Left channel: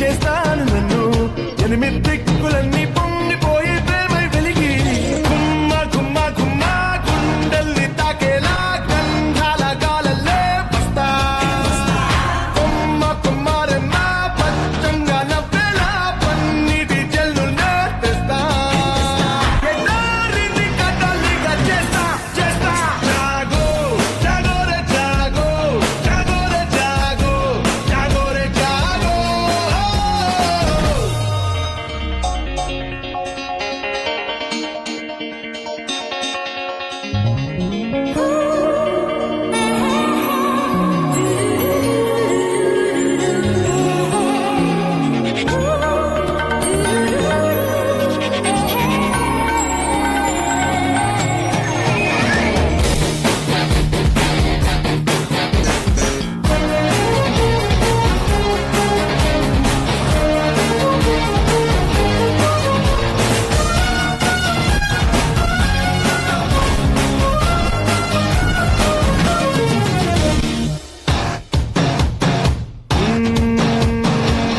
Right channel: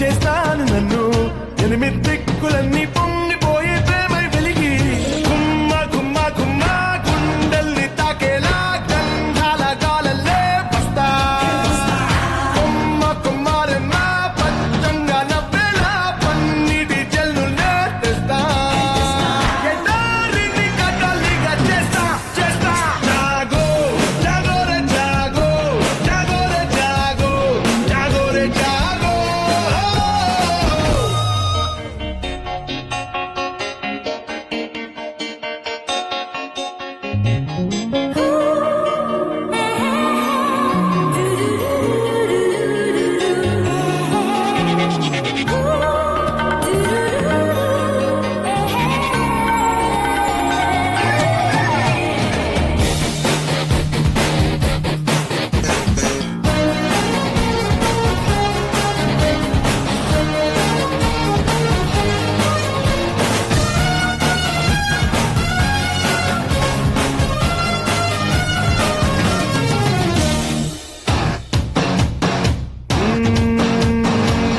చేస్తాను నన్ను ఎనిమిది దిక్కులన్నీ పొంగిపోయే ప్రేమై వెలిగి గుమ్మ గుమ్మ గుమ్మ గుండెల్ని తాకేలా గంధాల గాలల్లే వస్తా కొమ్మ కొమ్మారెమ్మ పచ్చంగా నవ్వేలా పన్నీటి జల్లుల్నే తెస్తా ఎడారిని కదలిగా చేస్తా చేస్తా జాగో జాగో రే జాగో జాగో రే జాగో జాగో రే జాగో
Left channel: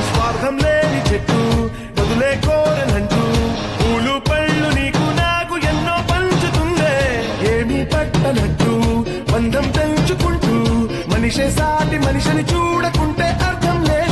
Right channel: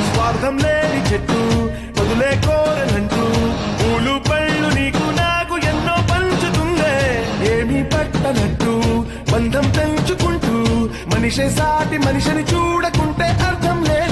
స్వార్థం లేని చెట్టు వదులే కోరనంటూ పూలు పళ్ళు నీకు నాకు ఎన్నో పంచుతుందే ఏమీ పట్టనట్టు బంధం పెంచుకుంటూ మనిషే సాటి మనిషిని చూడకుంటే అర్థం లేదు